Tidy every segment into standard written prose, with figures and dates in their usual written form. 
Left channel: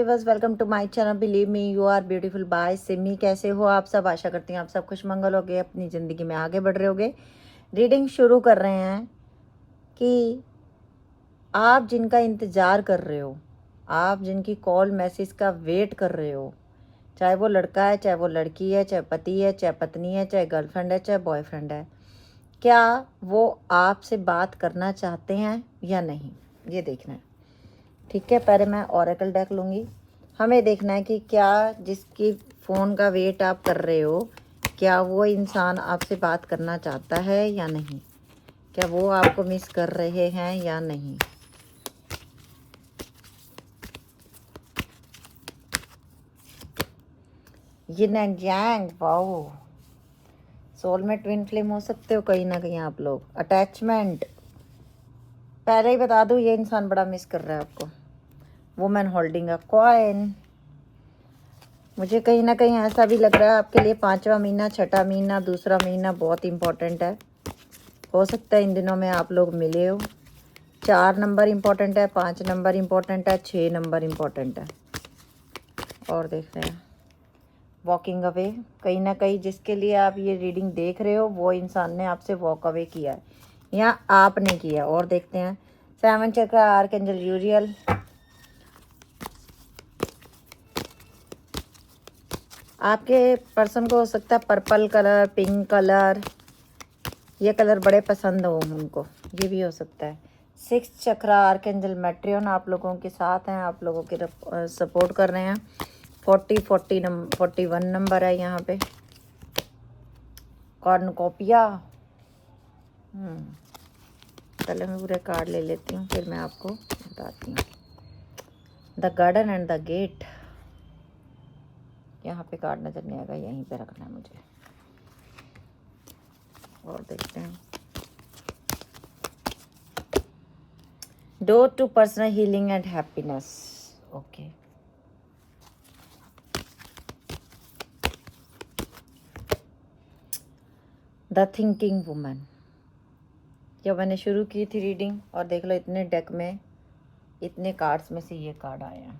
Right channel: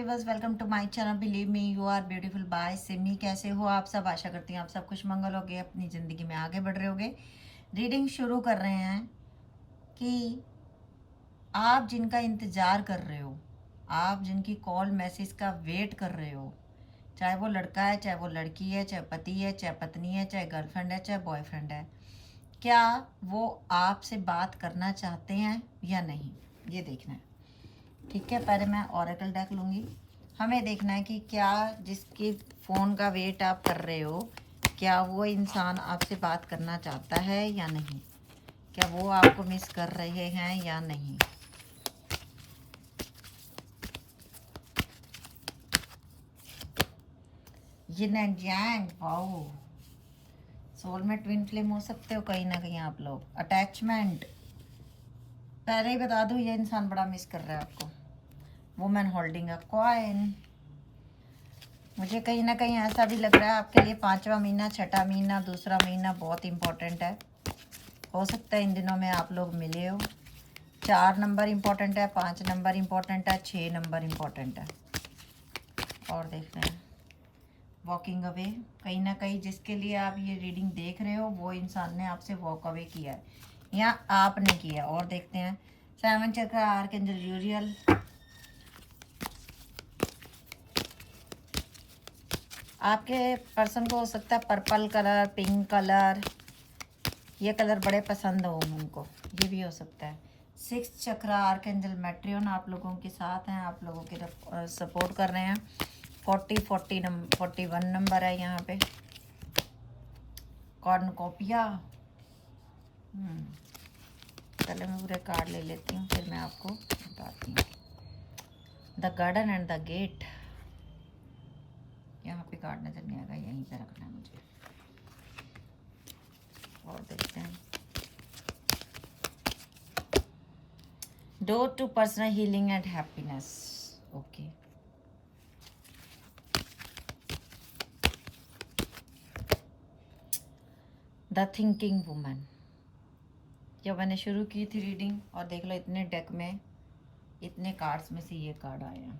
Viewers, welcome to my channel. Believe me you are beautiful by Simi. कैसे हो आप सब? आशा करती हैं आप सब खुशमंगल होगे, अपनी ज़िंदगी में आगे बढ़ रहे होगे। रीडिंग शुरू कर रहे हैं कि आप जिनका इंतज़ार कर रहे हो, आप जिनकी कॉल मैसेज का वेट कर रहे हो, चाहे वो लड़का है, चाहे वो लड़की है, चाहे पति है, चाहे पत्नी है, चाहे गर्लफ्रेंड है, चाहे बॉयफ्रेंड है, क्या वो आपसे बात करना चाहते हैं या नहीं, ये देखना है। ठीक है, पहले मैं ओरेकल डेक लूँगी। हमें देखना है कि क्या जिसकी फ़ोन का वेट आप कर रहे हो, क्या वो इंसान आपसे बात करना चाहता है या नहीं, क्या वो आपको मिस कर रहे हैं या नहीं। Yin and yang, wow. Soul में ट्विन फ्लेम हो सकते हो कहीं ना कहीं आप लोग। अटैचमेंट, पहले ही बता दूँ, ये इंसान बड़ा मिस कर रहा है आपको। Women holding a coin. मुझे कहीं ना कहीं ऐसा भी लग रहा है आपके लिए 5वां महीना, 6ठा महीना, दूसरा महीना बहुत इम्पोर्टेंट है। हो सकता है इन दिनों में आप लोग मिले हो। 4 नंबर इम्पोर्टेंट है, 5 नंबर इम्पोर्टेंट है, 6 नंबर इम्पोर्टेंट है। और देख रहे हैं वॉकिंग अवे। कहीं ना कहीं जिसके लिए आप ये रीडिंग देख रहे हो, वो इंसान ने आपसे वॉक अवे किया है या आपने किया। और देखते हैं 7 चक्र, आर्कएंजल यूरियल। आपके पर्सन को हो सकता है पर्पल कलर, पिंक कलर, ये कलर बड़े पसंद हो उनको, ये भी हो सकता है। 6 चक्र, आर्कएंजल मेट्रियन आप लोगों के साथ हैं, आप लोगों के सपोर्ट कर रहे हैं। 41 नंबर है यहाँ पे। कॉर्नकोपिया। पहले मैं पूरे कार्ड ले लेती हूँ, फिर मैं आपको बताती हूँ। The garden and the gate. यहाँ पे कार्ड नज़र नहीं आएगा, यहीं पे रखना है मुझे। और देखते हैं door to personal healing and happiness. Okay, the thinking woman. जब मैंने शुरू की थी रीडिंग, और देख लो इतने डेक में, इतने कार्ड्स में से ये कार्ड आया।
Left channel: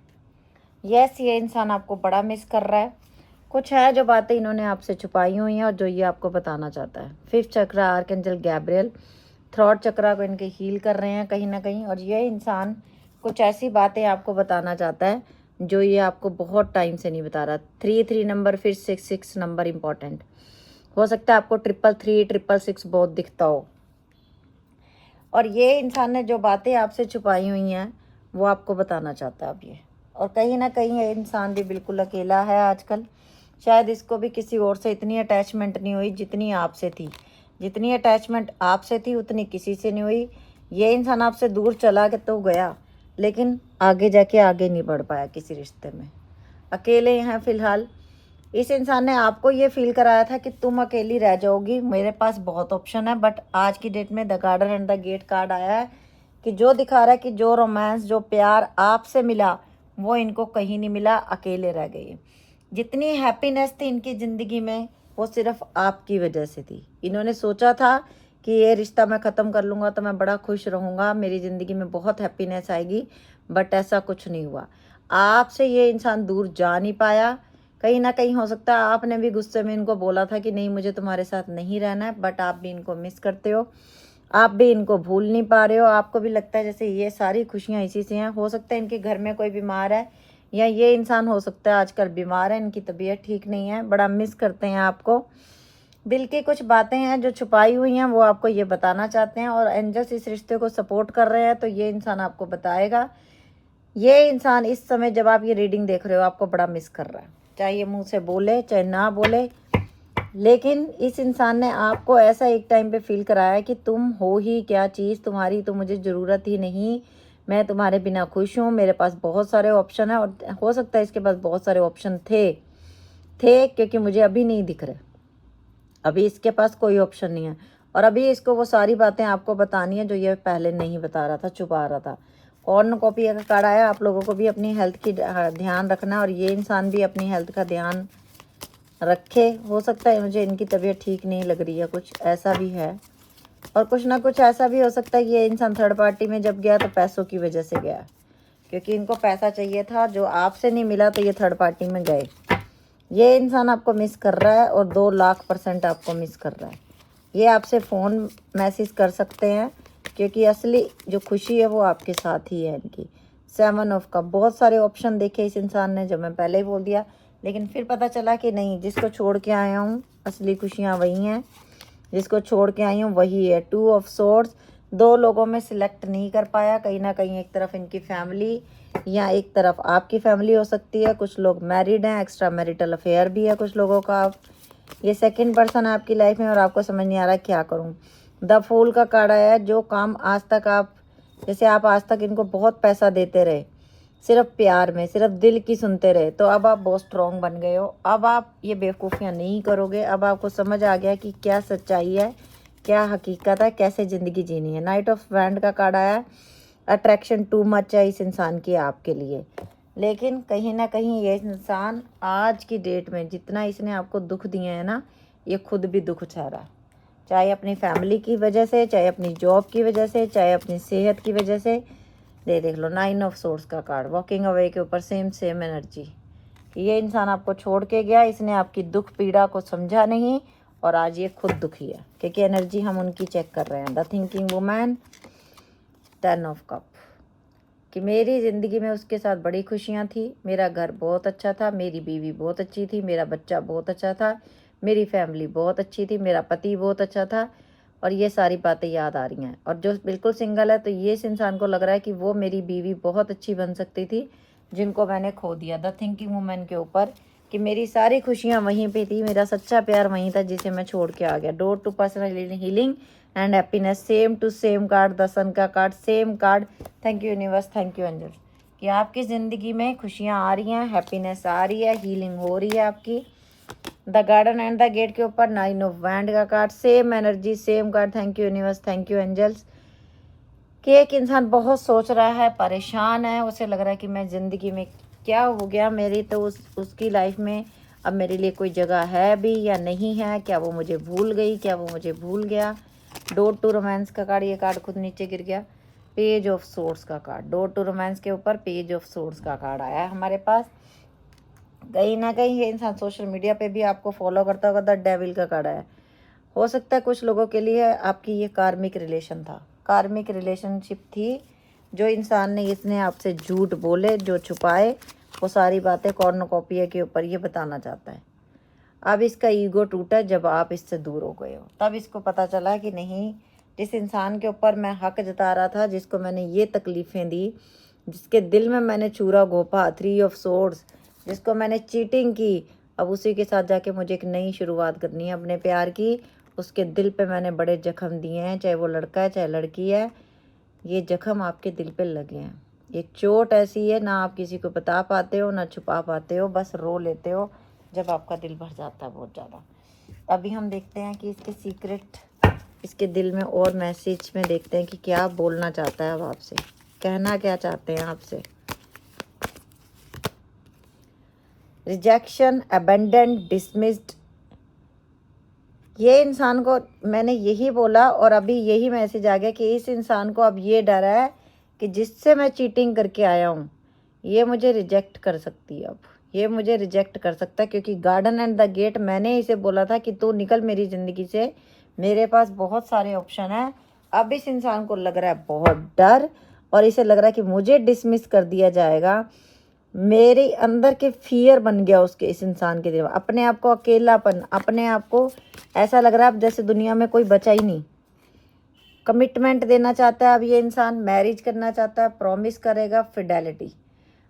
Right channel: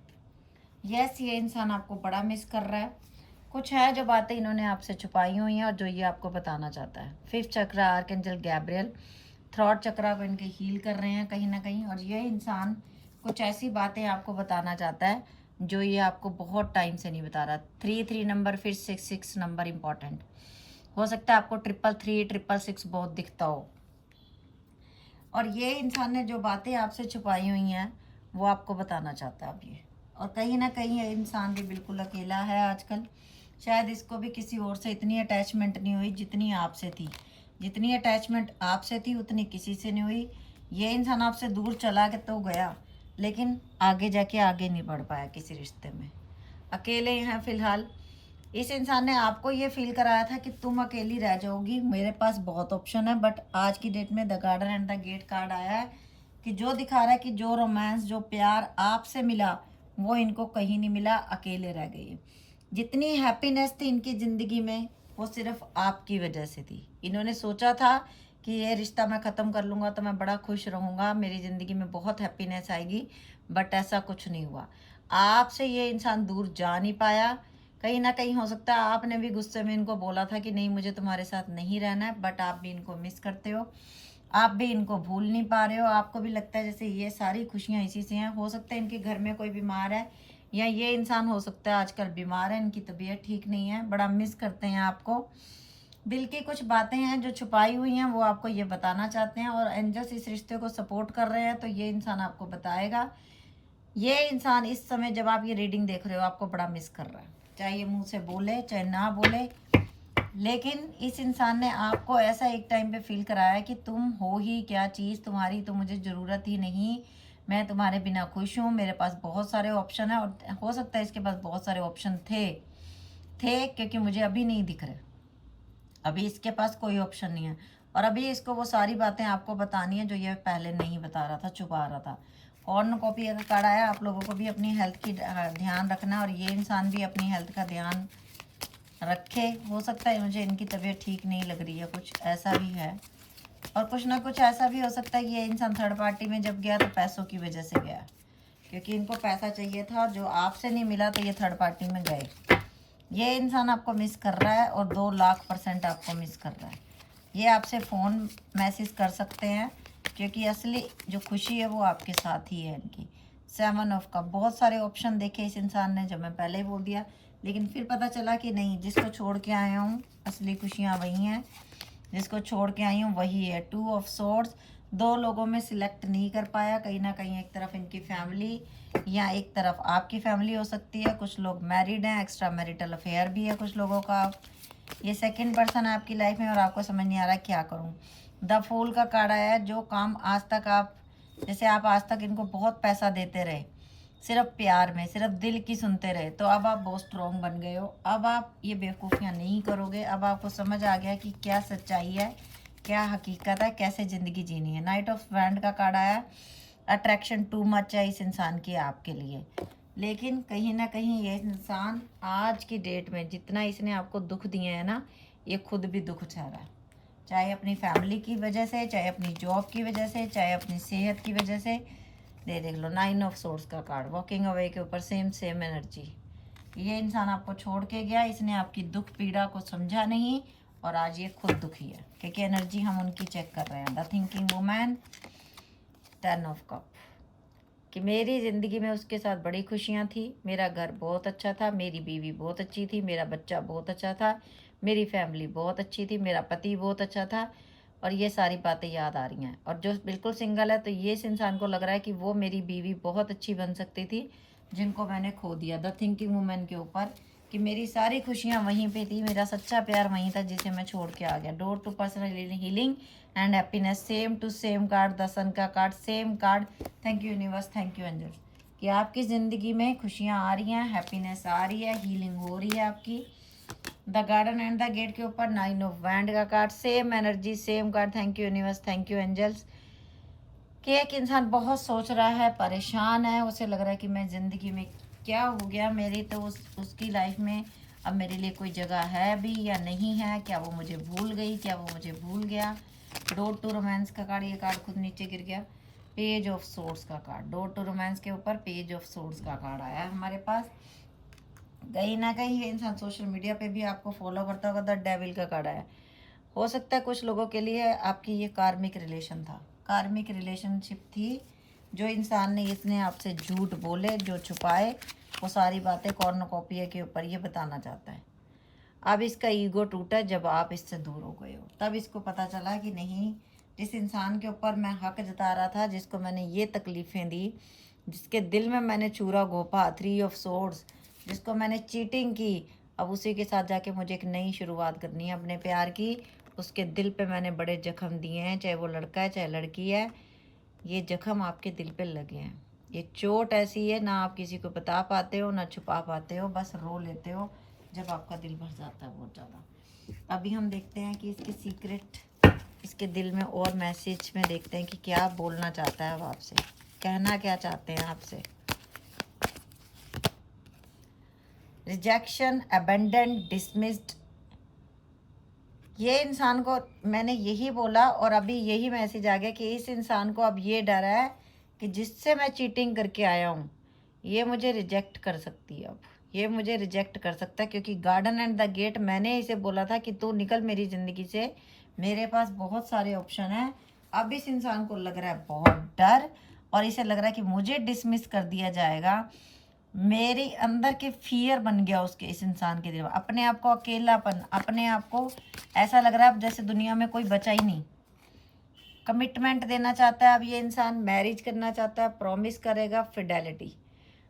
यस, ये इंसान आपको बड़ा मिस कर रहा है। कुछ है जो बातें इन्होंने आपसे छुपाई हुई हैं और जो ये आपको बताना चाहता है। 5th चक्र, आर्कएंजल गैब्रियल। 3rd चक्र को इनके हील कर रहे हैं कहीं ना कहीं, और ये इंसान कुछ ऐसी बातें आपको बताना चाहता है जो ये आपको बहुत टाइम से नहीं बता रहा। 3 नंबर, फिर 6 नंबर इम्पॉर्टेंट हो सकता है। आपको 333, 666 बहुत दिखता हो। और ये इंसान ने जो बातें आपसे छुपाई हुई हैं वो आपको बताना चाहता है अब ये। और कहीं ना कहीं ये इंसान भी बिल्कुल अकेला है आजकल। शायद इसको भी किसी और से इतनी अटैचमेंट नहीं हुई जितनी आपसे थी। जितनी अटैचमेंट आपसे थी उतनी किसी से नहीं हुई। ये इंसान आपसे दूर चला के तो गया, लेकिन आगे जाके आगे नहीं बढ़ पाया किसी रिश्ते में। अकेले हैं फिलहाल। इस इंसान ने आपको ये फील कराया था कि तुम अकेली रह जाओगी, मेरे पास बहुत ऑप्शन है। बट आज की डेट में the garden and the gate card आया है कि जो दिखा रहा है कि जो रोमांस, जो प्यार आपसे मिला, वो इनको कहीं नहीं मिला, अकेले रह गए। जितनी हैप्पीनेस थी इनकी ज़िंदगी में, वो सिर्फ आपकी वजह से थी। इन्होंने सोचा था कि ये रिश्ता मैं ख़त्म कर लूँगा तो मैं बड़ा खुश रहूँगा, मेरी ज़िंदगी में बहुत हैप्पीनेस आएगी, बट ऐसा कुछ नहीं हुआ। आपसे ये इंसान दूर जा नहीं पाया। कहीं ना कहीं हो सकता है आपने भी गुस्से में इनको बोला था कि नहीं, मुझे तुम्हारे साथ नहीं रहना है, बट आप भी इनको मिस करते हो, आप भी इनको भूल नहीं पा रहे हो। आपको भी लगता है जैसे ये सारी खुशियाँ इसी से हैं। हो सकता है इनके घर में कोई बीमार है, या ये इंसान हो सकता है आजकल बीमार है, इनकी तबीयत ठीक नहीं है, बड़ा मिस करते हैं आपको। दिल की कुछ बातें हैं जो छुपाई हुई हैं, वो आपको ये बताना चाहते हैं। और एंजल्स इस रिश्ते को सपोर्ट कर रहे हैं, तो ये इंसान आपको बताएगा। ये इंसान इस समय जब आप ये रीडिंग देख रहे हो, आपको बड़ा मिस कर रहा है, चाहे ये मुंह से बोले चाहे ना बोले। लेकिन इस इंसान ने आपको ऐसा एक टाइम पे फील कराया कि तुम हो ही क्या चीज़, तुम्हारी तो मुझे ज़रूरत ही नहीं, मैं तुम्हारे बिना खुश हूँ, मेरे पास बहुत सारे ऑप्शन हैं। और हो सकता है इसके पास बहुत सारे ऑप्शन थे क्योंकि मुझे अभी नहीं दिख रहे। अभी इसके पास कोई ऑप्शन नहीं है, और अभी इसको वो सारी बातें आपको बतानी है जो ये पहले नहीं बता रहा था, छुपा रहा था। कॉर्नकोपिया का कार्ड आया। आप लोगों को भी अपनी हेल्थ की ध्यान रखना, और ये इंसान भी अपनी हेल्थ का ध्यान रखे। हो सकता है मुझे इनकी तबीयत ठीक नहीं लग रही है, कुछ ऐसा भी है। और कुछ ना कुछ ऐसा भी हो सकता है कि ये इंसान थर्ड पार्टी में जब गया तो पैसों की वजह से गया, क्योंकि इनको पैसा चाहिए था, जो आपसे नहीं मिला तो ये थर्ड पार्टी में गए। ये इंसान आपको मिस कर रहा है और 2,00,000% आपको मिस कर रहा है। ये आपसे फ़ोन मैसेज कर सकते हैं, क्योंकि असली जो खुशी है वो आपके साथ ही है इनकी। 7 ऑफ कप, बहुत सारे ऑप्शन देखे इस इंसान ने, जो मैं पहले ही बोल दिया, लेकिन फिर पता चला कि नहीं, जिसको छोड़ के आया हूँ असली खुशियाँ वही हैं, जिसको छोड़ के आई हूँ वही है। 2 ऑफ सोर्ड्स, 2 लोगों में सिलेक्ट नहीं कर पाया। कहीं ना कहीं एक तरफ इनकी फैमिली या एक तरफ आपकी फैमिली हो सकती है। कुछ लोग मैरिड हैं, एक्स्ट्रा मैरिटल अफेयर भी है कुछ लोगों का। ये सेकंड पर्सन है आपकी लाइफ में और आपको समझ नहीं आ रहा क्या करूं। द फूल का कार्ड आया है। जो काम आज तक आप, जैसे आप आज तक इनको बहुत पैसा देते रहे, सिर्फ प्यार में, सिर्फ दिल की सुनते रहे, तो अब आप बहुत स्ट्रॉन्ग बन गए हो। अब आप ये बेवकूफ़ियाँ नहीं करोगे। अब आपको समझ आ गया कि क्या सच्चाई है, क्या हकीकत है, कैसे ज़िंदगी जीनी है। नाइट ऑफ वैंड का कार्ड आया। अट्रैक्शन टू मच है इस इंसान की आपके लिए, लेकिन कहीं ना कहीं ये इंसान आज की डेट में जितना इसने आपको दुख दिए हैं ना, ये खुद भी दुख उठा रहा है। चाहे अपनी फैमिली की वजह से, चाहे अपनी जॉब की वजह से, चाहे अपनी सेहत की वजह से। देख लो 9 ऑफ सोर्स का कार्ड, वॉकिंग अवे के ऊपर सेम एनर्जी। ये इंसान आपको छोड़ के गया, इसने आपकी दुख पीड़ा को समझा नहीं और आज ये खुद दुखी है, क्योंकि एनर्जी हम उनकी चेक कर रहे हैं। The thinking woman, 10 of cup, कि मेरी ज़िंदगी में उसके साथ बड़ी खुशियाँ थी, मेरा घर बहुत अच्छा था, मेरी बीवी बहुत अच्छी थी, मेरा बच्चा बहुत अच्छा था, मेरी फैमिली बहुत अच्छी थी, मेरा पति बहुत अच्छा था, और ये सारी बातें याद आ रही हैं। और जो बिल्कुल सिंगल है, तो ये इस इंसान को लग रहा है कि वो मेरी बीवी बहुत अच्छी बन सकती थी, जिनको मैंने खो दिया। द थिंकिंग वुमन के ऊपर, कि मेरी सारी खुशियाँ वहीं पे थी, मेरा सच्चा प्यार वहीं था, जिसे मैं छोड़ के आ गया। Door to personal healing and happiness, same to same card, the sun का card, same card. Thank you universe, thank you angels, कि आपकी ज़िंदगी में खुशियाँ आ रही हैं, हैप्पीनेस आ रही है, हीलिंग हो रही है आपकी। The garden and the gate के ऊपर 9 ऑफ वैंड का card, same energy, same card. Thank you universe, thank you angels, कि एक इंसान बहुत सोच रहा है, परेशान है, उसे लग रहा है कि मैं ज़िंदगी में क्या हो गया मेरी, तो उसकी लाइफ में अब मेरे लिए कोई जगह है भी या नहीं है, क्या वो मुझे भूल गई, क्या वो मुझे भूल गया। डोर टू रोमांस का कार्ड, ये कार्ड खुद नीचे गिर गया। पेज ऑफ सोर्स का कार्ड, डोर टू रोमांस के ऊपर पेज ऑफ सोर्स का कार्ड आया है हमारे पास। कहीं ना कहीं ये इंसान सोशल मीडिया पे भी आपको फॉलो करता होगा। द डेविल का कार्ड आया। हो सकता है कुछ लोगों के लिए आपकी ये कार्मिक रिलेशन था, कार्मिक रिलेशनशिप थी। जो इंसान ने, इसने आपसे झूठ बोले, जो छुपाए, वो सारी बातें कॉर्नोकॉपिया के ऊपर ये बताना चाहता है। अब इसका ईगो टूटा जब आप इससे दूर हो गए हो, तब इसको पता चला कि नहीं, जिस इंसान के ऊपर मैं हक जता रहा था, जिसको मैंने ये तकलीफ़ें दी, जिसके दिल में मैंने चूरा घोंपा, 3 ऑफ सोर्ड्स, जिसको मैंने चीटिंग की, अब उसी के साथ जाके मुझे एक नई शुरुआत करनी है अपने प्यार की। उसके दिल पे मैंने बड़े जख्म दिए हैं, चाहे वो लड़का है चाहे लड़की है, ये जख्म आपके दिल पे लगे हैं। ये चोट ऐसी है, ना आप किसी को बता पाते हो ना छुपा पाते हो, बस रो लेते हो जब आपका दिल भर जाता है बहुत ज़्यादा। अभी हम देखते हैं कि इसके सीक्रेट, इसके दिल में और मैसेज में देखते हैं कि क्या बोलना चाहता है अब आपसे, कहना क्या चाहते हैं आपसे। Rejection, abandon, dismissed. ये इंसान को मैंने यही बोला और अभी यही मैसेज आ गया कि इस इंसान को अब ये डर है कि जिससे मैं चीटिंग करके आया हूँ, ये मुझे रिजेक्ट कर सकती है। अब ये मुझे रिजेक्ट कर सकता है, क्योंकि गार्डन एंड द गेट, मैंने इसे बोला था कि तू निकल मेरी ज़िंदगी से, मेरे पास बहुत सारे ऑप्शन हैं। अब इस इंसान को लग रहा है बहुत डर, और इसे लग रहा है कि मुझे डिसमिस कर दिया जाएगा। मेरे अंदर के फियर बन गया उसके, इस इंसान के दिल में अपने आप को अकेलापन, अपने आप को ऐसा लग रहा है अब जैसे दुनिया में कोई बचा ही नहीं। कमिटमेंट देना चाहता है अब ये इंसान, मैरिज करना चाहता है, प्रॉमिस करेगा, फिडेलिटी,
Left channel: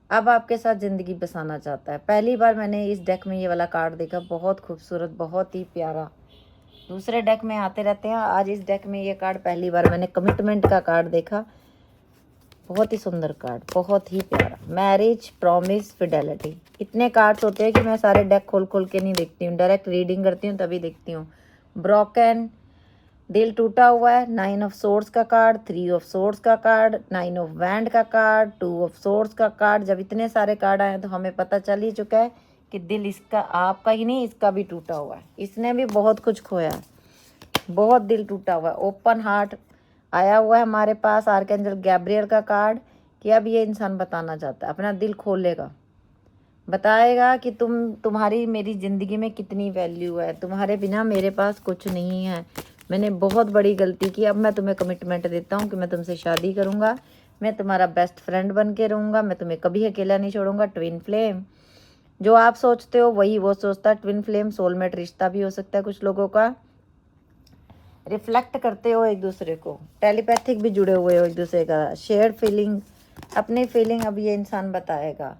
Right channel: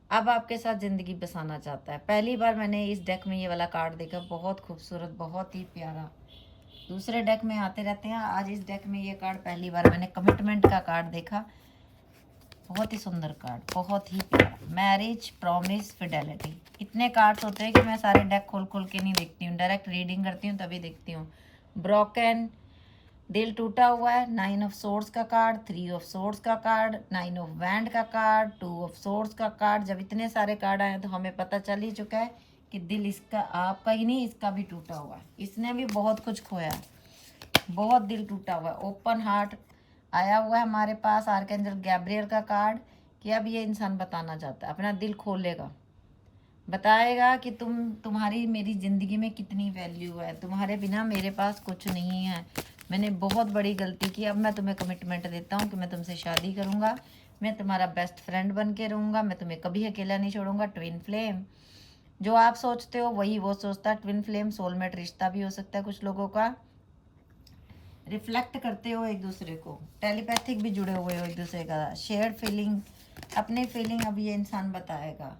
अब आपके साथ ज़िंदगी बसाना चाहता है। पहली बार मैंने इस डेक में ये वाला कार्ड देखा, बहुत खूबसूरत, बहुत ही प्यारा। दूसरे डेक में आते रहते हैं, आज इस डेक में ये कार्ड पहली बार मैंने कमिटमेंट का कार्ड देखा। बहुत ही सुंदर कार्ड, बहुत ही प्यारा। मैरिज, प्रॉमिस, फिडेलिटी, इतने कार्ड्स होते हैं कि मैं सारे डेक खोल खोल के नहीं देखती हूँ, डायरेक्ट रीडिंग करती हूँ तभी देखती हूँ। ब्रोकन, दिल टूटा हुआ है, 9 ऑफ सोर्ड्स का कार्ड, 3 ऑफ सोर्ड्स का कार्ड, 9 ऑफ वैंड का कार्ड, 2 ऑफ सोर्ड्स का कार्ड। जब इतने सारे कार्ड आए तो हमें पता चल ही चुका है कि दिल इसका, आपका ही नहीं, इसका भी टूटा हुआ है। इसने भी बहुत कुछ खोया है, बहुत दिल टूटा हुआ है। ओपन हार्ट आया हुआ है हमारे पास। आर्कएंजल गैब्रियल का कार्ड, कि अब ये इंसान बताना चाहता है, अपना दिल खोलेगा, बताएगा कि तुम्हारी मेरी ज़िंदगी में कितनी वैल्यू है, तुम्हारे बिना मेरे पास कुछ नहीं है, मैंने बहुत बड़ी गलती की, अब मैं तुम्हें कमिटमेंट देता हूँ कि मैं तुमसे शादी करूँगा, मैं तुम्हारा बेस्ट फ्रेंड बन के रहूँगा, मैं तुम्हें कभी अकेला नहीं छोड़ूंगा। ट्विन फ्लेम, जो आप सोचते हो वही वो सोचता है। ट्विन फ्लेम सोलमेट रिश्ता भी हो सकता है कुछ लोगों का, रिफ्लेक्ट करते हो एक दूसरे को, टेलीपैथिक भी जुड़े हुए हो एक दूसरे का, शेयर्ड फीलिंग, अपनी फीलिंग अब ये इंसान बताएगा।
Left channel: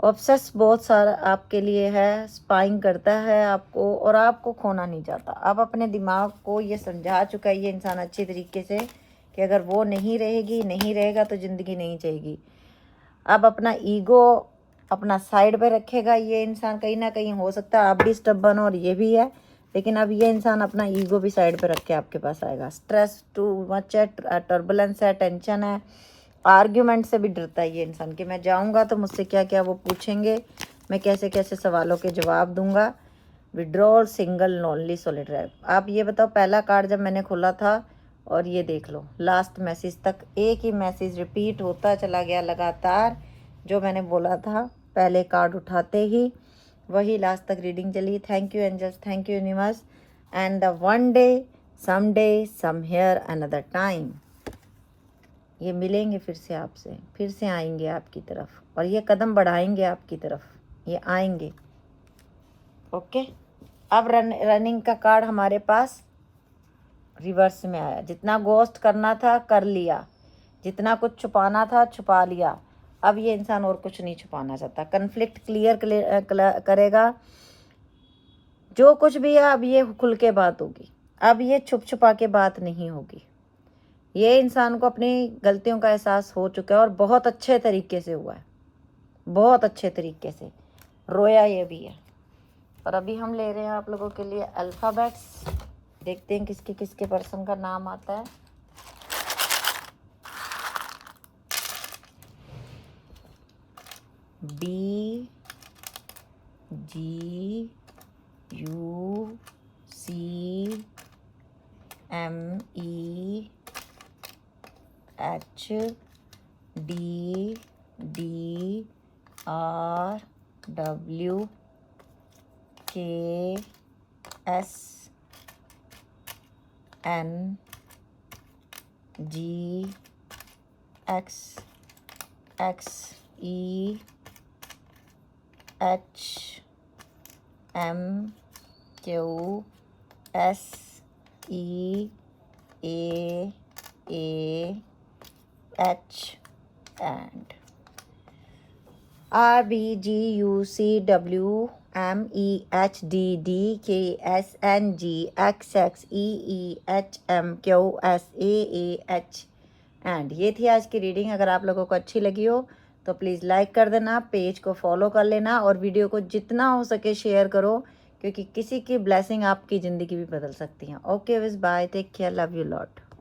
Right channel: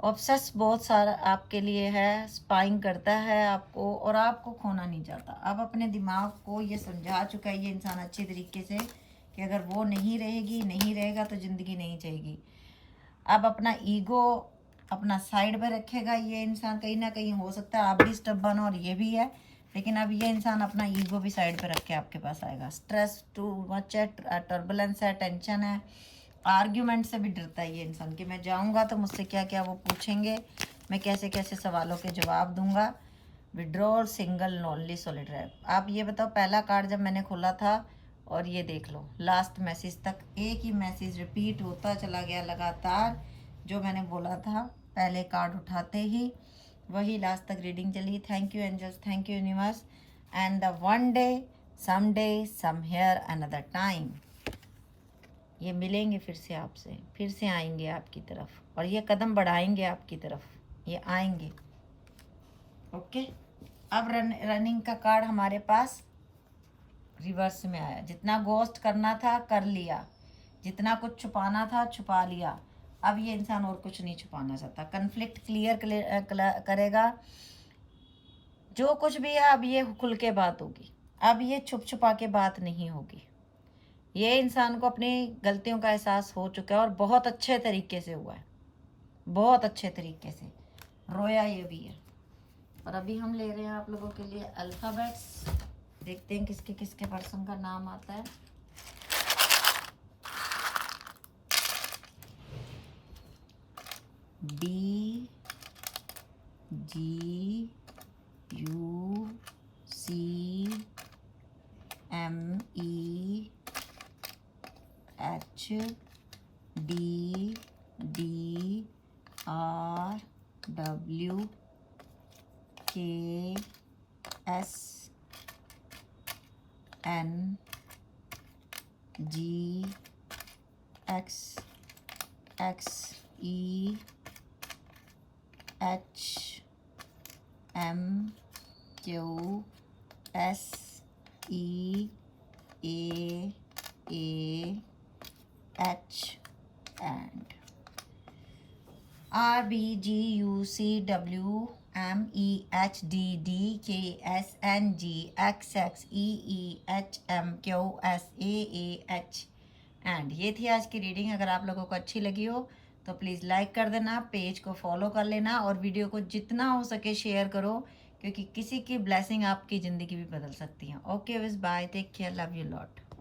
ऑब्सेस बहुत सारा आपके लिए है, स्पाइंग करता है आपको और आपको खोना नहीं चाहता। अब अपने दिमाग को ये समझा चुका है ये इंसान अच्छे तरीके से कि अगर वो नहीं रहेगी, नहीं रहेगा तो ज़िंदगी नहीं चाहिए। अब अपना ईगो अपना साइड पे रखेगा ये इंसान, कहीं ना कहीं हो सकता है आप भी स्टबर्न और ये भी है, लेकिन अब ये इंसान अपना ईगो भी साइड पे रख के आपके पास आएगा। स्ट्रेस टू मच है, टर्बुलेंस है, टेंशन है, आर्ग्यूमेंट से भी डरता है ये इंसान कि मैं जाऊंगा तो मुझसे क्या क्या वो पूछेंगे, मैं कैसे कैसे सवालों के जवाब दूंगा। Withdrawal, single, lonely, solitary. आप ये बताओ, पहला कार्ड जब मैंने खोला था और ये देख लो लास्ट मैसेज तक एक ही मैसेज रिपीट होता चला गया लगातार, जो मैंने बोला था पहले कार्ड उठाते ही वही लास्ट तक रीडिंग चली। Thank you angels, thank you universe. And the one day, somewhere, another time, ये मिलेंगे फिर से आपसे, फिर से आएंगे आपकी तरफ और ये कदम बढ़ाएंगे आपकी तरफ, ये आएंगे। ओके, अब रनिंग का कार्ड हमारे पास रिवर्स में आया। जितना गोस्ट करना था कर लिया, जितना कुछ छुपाना था छुपा लिया, अब ये इंसान और कुछ नहीं छुपाना चाहता। कन्फ्लिक्ट क्लियर करेगा, जो कुछ भी है अब ये खुल के बात होगी, अब ये छुप छुपा के बात नहीं होगी। ये इंसान को अपनी गलतियों का एहसास हो चुका है और बहुत अच्छे तरीके से हुआ है, बहुत अच्छे तरीके से रोया ये भी है। और अभी हम ले रहे हैं आप लोगों के लिए अल्फ़ाबेट्स, देखते हैं किसके किसके पर्सन का नाम आता है। B G U C M E H D D R W K S N G X X E H M Q S E A H and R B G U C W M E H D D K S N G X X E H M Q S A H and. ये थी आज की reading. अगर आप लोगों को अच्छी लगी हो तो प्लीज़ लाइक कर देना, पेज को फॉलो कर लेना और वीडियो को जितना हो सके शेयर करो, क्योंकि किसी की ब्लेसिंग आपकी ज़िंदगी भी बदल सकती है। Okay with bye, take care, love you lot.